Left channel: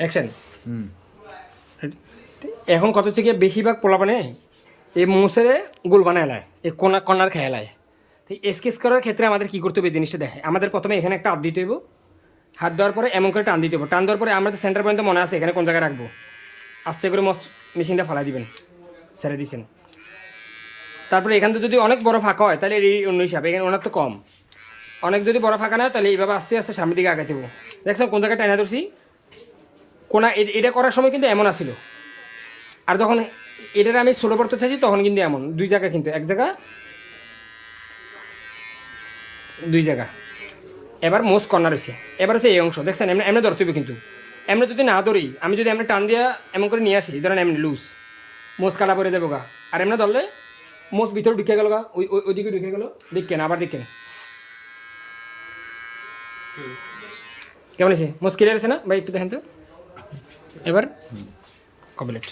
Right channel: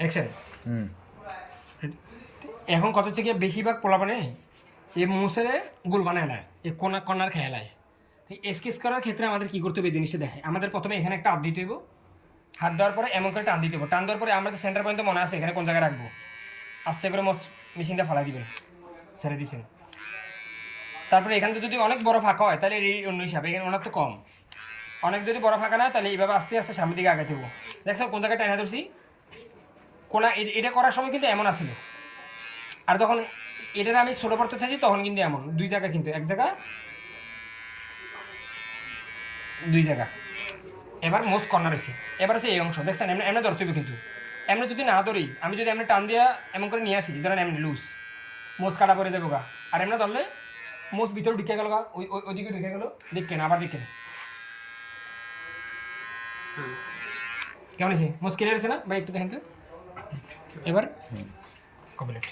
Action. এখন কত থেকে বেশিরভাগ পোলাপানে এই মোসের গোল বানায় লায়, এই কর্নার খেয়ে লায়। তো স্কেচ করার ক্ষেত্রে আমাদের কী করতে হবে এই জিনিসটা দেখে, আমাদের প্রথমে এখানে একটা হাত দিতে হইব, হাত দেওয়ার পরে এমন করে টান দিতে হবে, টান দেওয়ার পরে আমাদের সেন্টার পয়েন্ট মনে আছে এখানে কোন জায়গায় রাখবো, আস্তে করে মেশিনটা ফালাই দিবেন, ছেড়ে দিচ্ছেন। তারপরে এখান থেকে যদি অনেক বড় ফাঁকা হয় তাহলে এই অন্য হিসাবে, এখানে ওনার তো কম, অনেক যদি বড় ফাঁকা না হয় তাহলে এইভাবে আস্তে আস্তে সামনের দিকে আগাতে হবো। দেখছেন কোন জায়গায় টাইনা ধরছি, কোনা এটা করার সময় কিন্তু এমন আসিল, আর যখন এটার আমি ষোলো করতে চাইছি তখন কিন্তু এমন দুই জায়গা, কিন্তু এক জায়গা দুই জায়গা। এবার মোস্ট কর্নার হয়েছে, এবার হচ্ছে এই অংশ দেখছেন, এমনি এমনি ধরতে হবে, কিন্তু এমনি যদি না ধরি, আমি যদি এমনি টান দিয়া এমন করে নিয়ে আসি, ধরেন এমনি লুজ মোজ কাটা পরে দেবো গা, আর এমনি ধরলে মোজ ভিতরে ঢুকে গেল গা, ওইদিকে ঢুকে গেল, দেখকেন আবার দেখকেন কেমন হয়েছে, মোজ ক্লিয়ার হয়েছে না ভাই? একটু দেখেন তো এবার কমপ্লিট।